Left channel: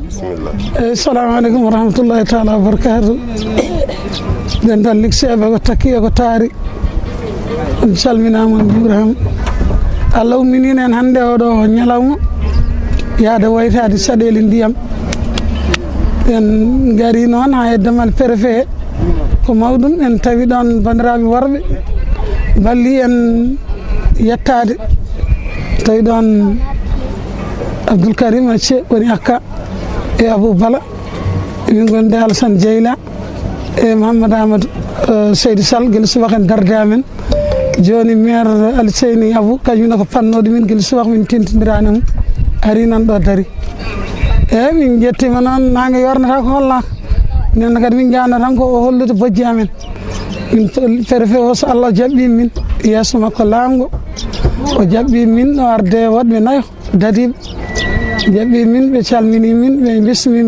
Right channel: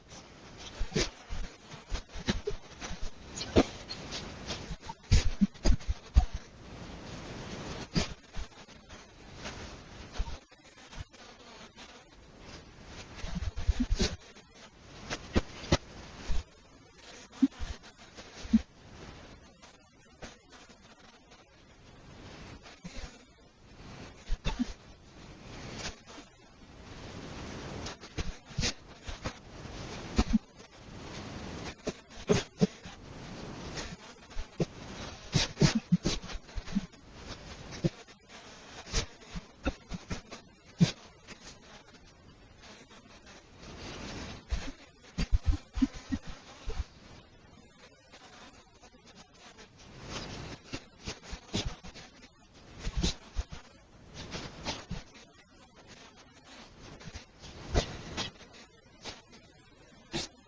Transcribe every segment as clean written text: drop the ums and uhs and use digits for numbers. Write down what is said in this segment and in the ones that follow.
bismillah. Assalamu alaikum warahmatullahi ta'ala wabarakatuh. Dental likseɓe ko takki ko taari on calminama on juurama. Allah umminino en hannde oɗo ñalawma yaade waytade caɗele ndiyam en gari noon ha e damal préfet ko mawɗum en tawi ɗon bandiraɓe worɓe balli en yettade tawi ɗon Abdoul Karim Acce woni akka e Abou Bala min gonde Alassane Dieyla e Mouhamadou Amadou Seydou Sall guila subaka en darde amen joni maire Alseyni Abou kañumne ko pannoɗo min guila subaka min tentidirani mum ari nan ɗo dari eyyi min jettima noon nangue yornata ko hollaka nen kadi min jano tan ko hollude bojji amen min préfet o so Allah jaɓɓi min yeeso makko laamgo o jaɓɓi min o arde waɗɓe nayo dadiɓe jaɓɓi min ɓe calmini min ɓe bismi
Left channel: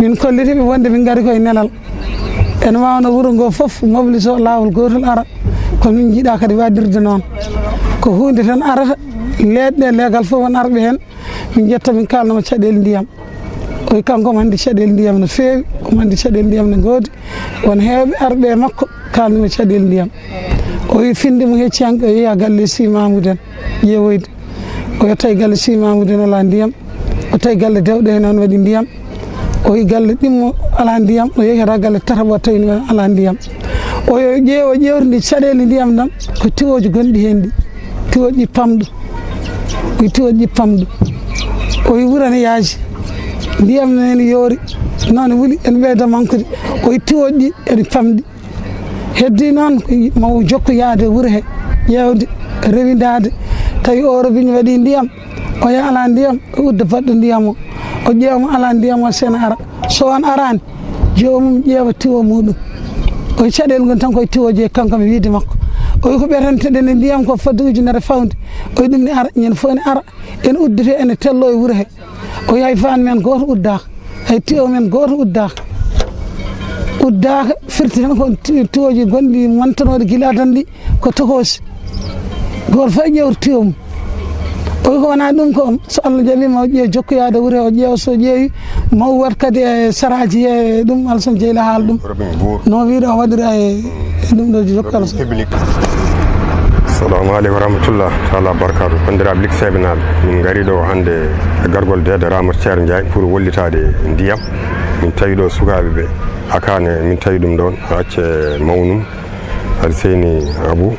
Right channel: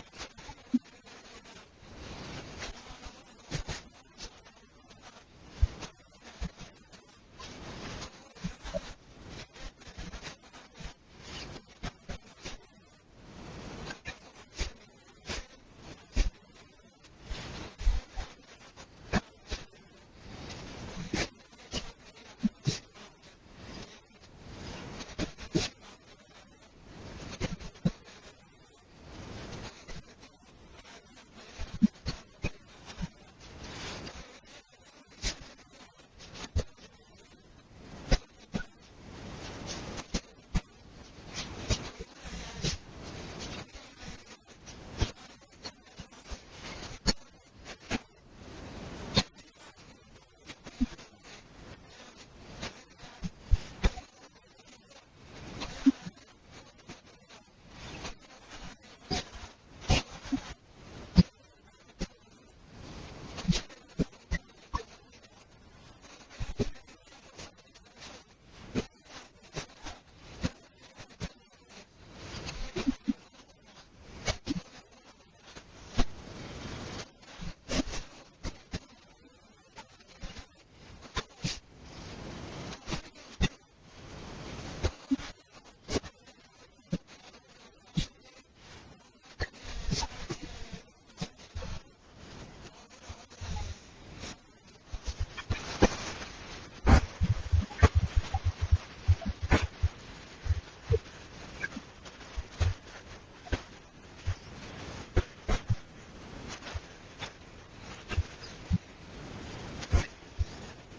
min kollitiɓe wonde min gari koye nelal en wawno wuuro ngo foof mobilise o lawol gotol ara komin jiiɗa kadi wadirde noon ko hunde tan arata leɗɗe leegal fof won arɓe hen min jetta min kalnoma caɗele ndiyam oy kanko omo andi caɗele ndiyam no feewi omo andi caɗele ndiyam no goodi won hewɓe arɓe e makko kalnoma caɗele ndiyam o wi finde mo hecci hanke o yeeya galle Sy Mamoudou en ƴeewoyde o yetta e galle Sy Mamoudou en ala ndiyam o tawi galle Dewɗe en noon waɗi ndiyam o yi galle ɗimmo ala ndiyam o yehata galle Tataɓo tawi ala ndiyam o ƴeewridi caɗele ndiyam ɗam ko tiwoji gonɗi hen ɗi tiwoji ƴippamɗo o yi wurane yaaji ndiyam nene yoori noon wuli en ɓeyda mankude o yi tiwoji ɗi ene pamɗi heddi noon mawo jokku yaade wuuro he ƴewde rewidade tawi o robigne waɗi ndiyam o ya ala ndiyam o udda baɗɗo ndiyam o ƴeewmo ala ndiyam o sene ara so on arani jomum ƴeewa tiwo muɗum o caɗele gon tan koye tiwoji e kanko mi wiide makko o wi ko ɓetanteɗen e ndiyam ko fodde ujunere fawde o wi ɗum ne ara ñande fof ne ara ene uddete ene tello e wuuro he o wi hay fan men goto uddaka hay tiwo men goto uddaka firti tan ko tiwoji gonɗi montanoɗe guila tan ɗi ko tokosi goto fof ƴewta tiwo mum o wi ko wona ɗum ko so Allah jaɓima o ƴeewa jokkoyade wuuro he o ƴeewa so ƴeewi maw wat kadi e saraji he ɗum Alassane Dieyla haala ɗum no wiide o waɗira e ɗum ɗo jokka assalamu aleykum warahmatullah taala barkatu bandiraɓe likseɓe naaɓe min gari ɗo hannde e gargol dede Ramata Thiere Ndiaye pour wollitade ndiyam min tawi ɗo sukaɓe ɓe akane min tawi ɗum ɗon acce mawnum Alseyni Abou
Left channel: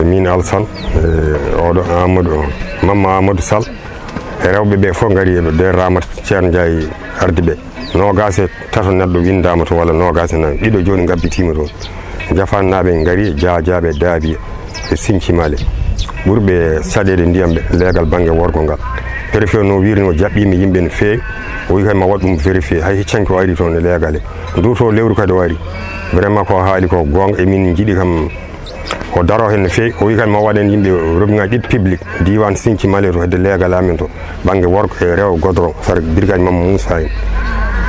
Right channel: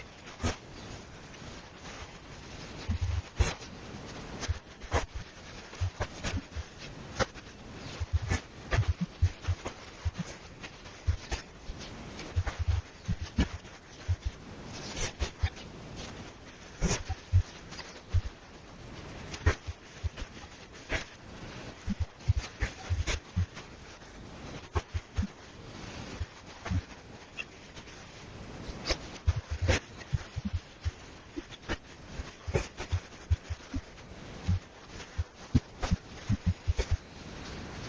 e min Alassane oɗo Mamma Amadou Sall e rewɓe ɓe fof gari ɗo nder Ramata Thiere Ndiaye arde ɓe nogas e tato neɗɗo windama to walla nogas e nayyi ɗiɗo joni gabbitima toon jafannaɓe gari jajaɓe daabiye e Sinkimale ɓurɓe saɗede ndiyam ɓe leegal banggue worgo ngal préfet no wiiri no jaɓɓimi yimɓe no feewi o wi kay ma waɗ ɗum vérifié hay heccanki o ari toon e leegale ndu to lewru kadi o ari vraiment ko haali ko gonga emin jiiɗi kam o daro hen no feewi o wi kay ma waɗen yimɓe robiŋaji ɗiɗi public diwan Sinkimale to hedde leegal amen to banggue worgo e rewo godoro sara brigade Mamma Moussa en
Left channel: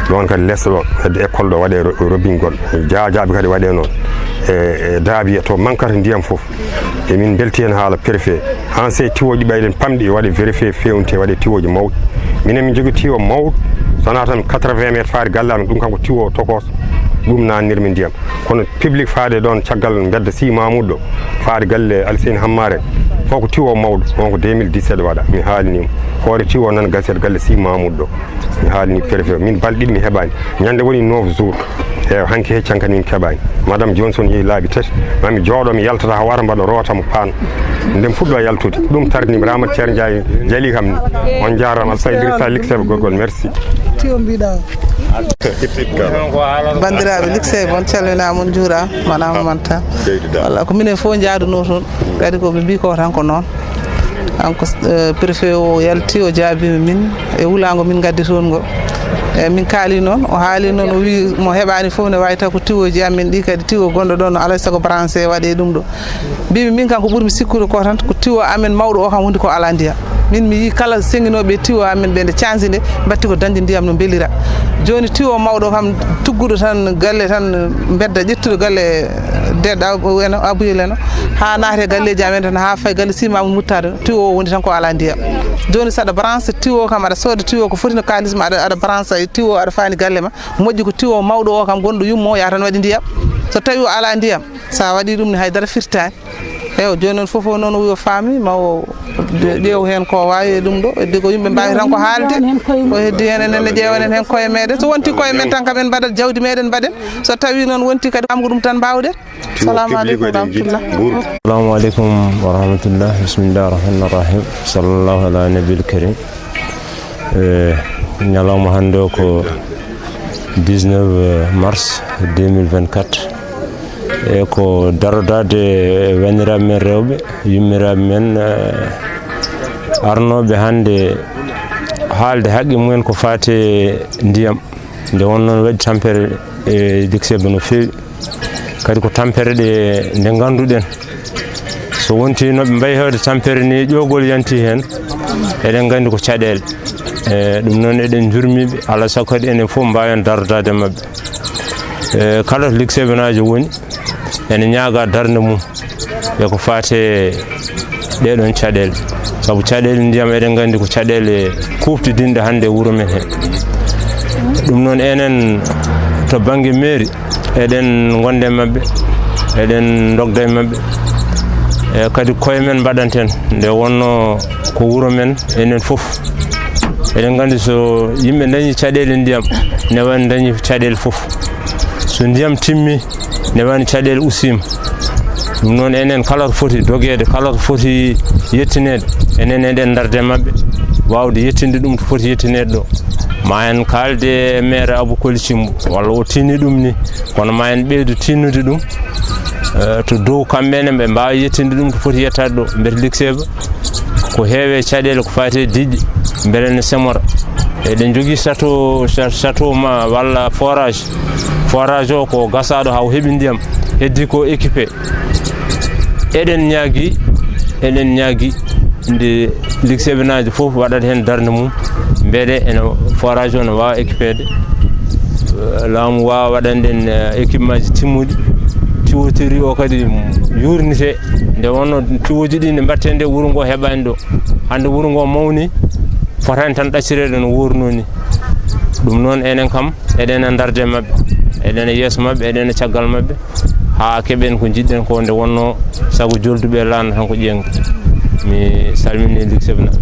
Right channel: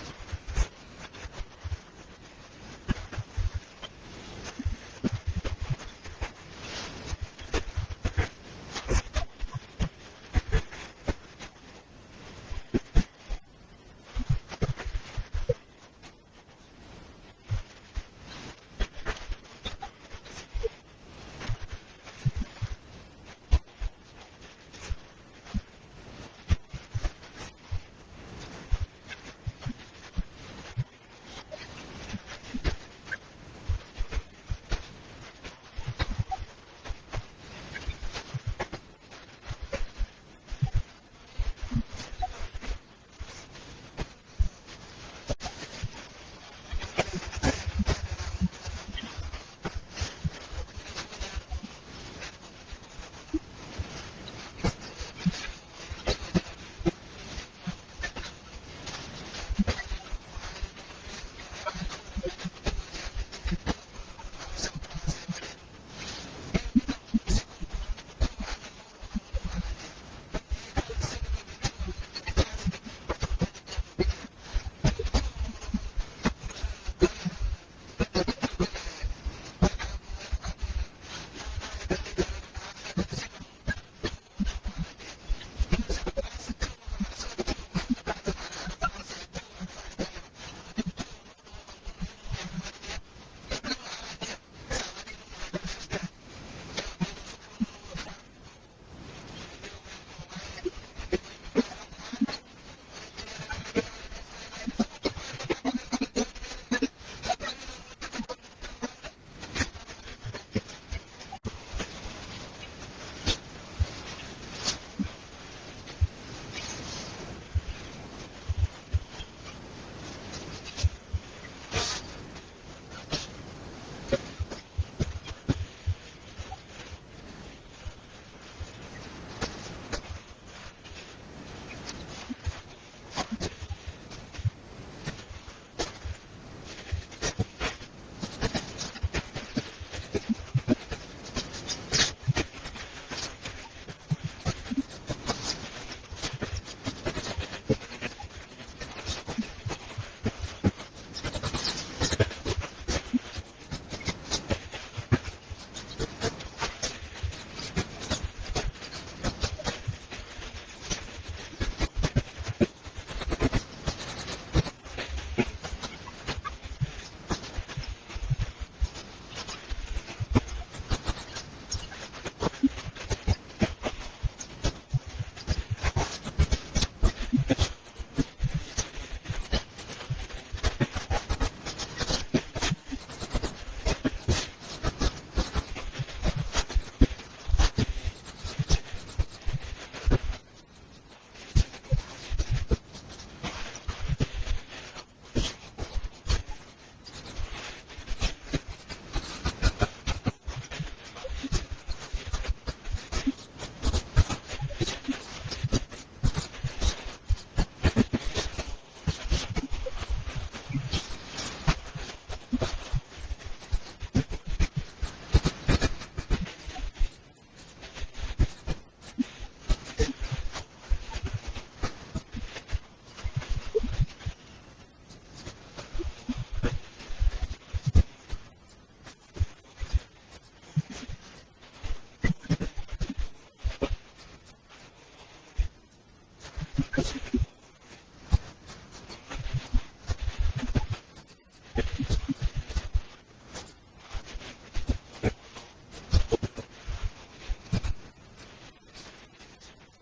ɗon kadi less ɗo hedde école ɗo waɗe robiŋgol jajaɓe kadi waɗe noon e daabiya to mankata ndiyam fof emin belti hen haala préfet han sey tiwoji ɓayɗen pamɗi waɗe vérifié fewnte waɗe tiwoji mawɗi minen min jogui tiwo mawɗo sowona tan 80 métres faade gallami ɗum kanko tiwo tokos ɗum nannirmi ndiyam kono public faade ɗon caggal bedda Sy Mamoudou ɗo faade galle Alseyni Hammare fof ko tiwo mawɗo on ko 2017 waɗa mi haalinima hoore tiwo nan gasete galle Sy Mamoudou ɗo mi haalini préfet min balɗe ɗiɗi mi heɓani ñande woni 9 jours e hanki heccan kadi min keɓani madame Johnson yeehi laabi tati mami jooɗo mi yaltata ha wara mbaɗa rotamo paan ndem fuɗɗo yaltude ɗum tardinimi Ramata Thiere Ndiaye jaali kam on jarama Alassane Idrissa likseɓe gorgol merci bandiraɓe likseɓe on calminama on juurama manama manta walla ko minen fof jaaduno toon kadi koɓe mbi ko tan ko noon kanko préfet o yalti o jaabima min e wuulago min gaddi toon ngo eyyi min kaali noon o haali noon o wi mo heɓani foof ne wawi taw ko tiwoji amen ɗi kadi tiwo gonɗo ɗon no alay saago branché waɗe ɗum ɗo mbimi min kam ko ɓuurmi sikkude ko tan ko tiwo amen mawɗo o kam hundi ko ala ndiyam min mi yi kala senginoɓe tiwo amen ɓe nde cansi nde batti ko dañde ndiyam no beelira joni tiwo mawɗo kam tugguɗo tan galle tan bedda ƴettuɗo galle deɗɗa eno abuyel eno ha naate galleji amen tan ha fay galle simamu muttade tiwo o woni tan ko ala ndiyam joni saɗa branche tiwo kam aɗa sooda tiwo ko foti no kalisma aɗa branche tiwo aɗa fani galle ma moƴƴi ko tiwo mawɗo o kam gonɗo yummo ya tan waɗi ndiyam so tawi o ala ndiyam sa waɗi ɗum ne haydara firtani eyo joni noon foof noon yo faami ma o ƴeew hen ko wawi ɗum ɗo heddi ko yimɓe mbawi tan ko haalde ko heddi hen enenne ƴeewanen hen koye meɗen so wonti koye men tan kamen mbaɗat jawdi meɗen mbaɗen so tawi noon wonti kadi amgo ɗum tan mbawɗen salamu aleykum warahmatullah assalamu aleykum wa rahmatullah bisimillahi rahmani rahim sallllahu ala nabil karim ñalawma hannde o ko 19 mars 2024 e ko darodade wanniraɓe men rewɓe yummiraɓe men arnoɓe hannde haalde haqqe mumen ko fate ndiyam nde wonnoon waɗi tampere e Lixeɓe no feewi kadi ko tampere ɗe nde ngannduɗen so wonti noɓe mbayi hewde tampere ni ƴoogol yanti heen eɗen nganndi ko caɗeele ɗum noon eɗen jurmiɓe alaa sago kadi enen fof mbawen darodade maɓɓe kala to Lixeɓe najo woni ene ñaaga darde mum e ko fate ɗeɗon caɗeele sabu caɗeele ndiyam eɗen nganndi ko caɗeele kuftidinɗe hannde e wuro men he ɗum noon enen to baŋnge mairie eɗen gonde maɓɓe eɗen dogda e maɓɓe e kadi koye men mbaɗanten nde wonno ko wuro men enen fof eɗen nganndi so yimɓe dañi caɗeele ndiyam ne wani dañi caɗeele fof so ndiyam timmi ne wani caɗeele usima ɗum noon enen kala ko foti dogeede kala ko foti yettineede enen eɗen darde maɓɓe wawde yettinde ɗum to foti yettineede ɗo ma en kaalde maire Abou Koli Cimbo walla o tinni ɗum ni kono ma en ɓeydu tinnude ɗum to dow kamɓene ɓe mbawa yettinde ɗum to foti yettade ɗo mbete Lixeɓe ko heewe caɗeele ko fate diƴƴe beele ne semora eɗen jogui château ma walla forage o ko gasaɗo haw heeɓi ndiyam heddi ko équipé eɗen ñaagui nde Lixeɓe najo foof waɗat hen darde mum beele ene forage o ne wawa équipéde laamu wawa waɗande en équipement ji timmuɗi tuyauterie o kadi yurnite nde wonno tuyauji ɗi nde mbatte nde wuuro ngo heɓani ɗo hande wuuro ngo mawni fotani tan ɗaccirede no wurno ni ɗum noon enen kam eɗen e darde mabɓe eɗen e yeeso mabɓe eɗen e caggal mabɓe ha keɓen ko jiɗɗen ko nde wonno saago jolduɓe laana tan ko ƴeeŋga mi salmini Lixeɓe naɓe.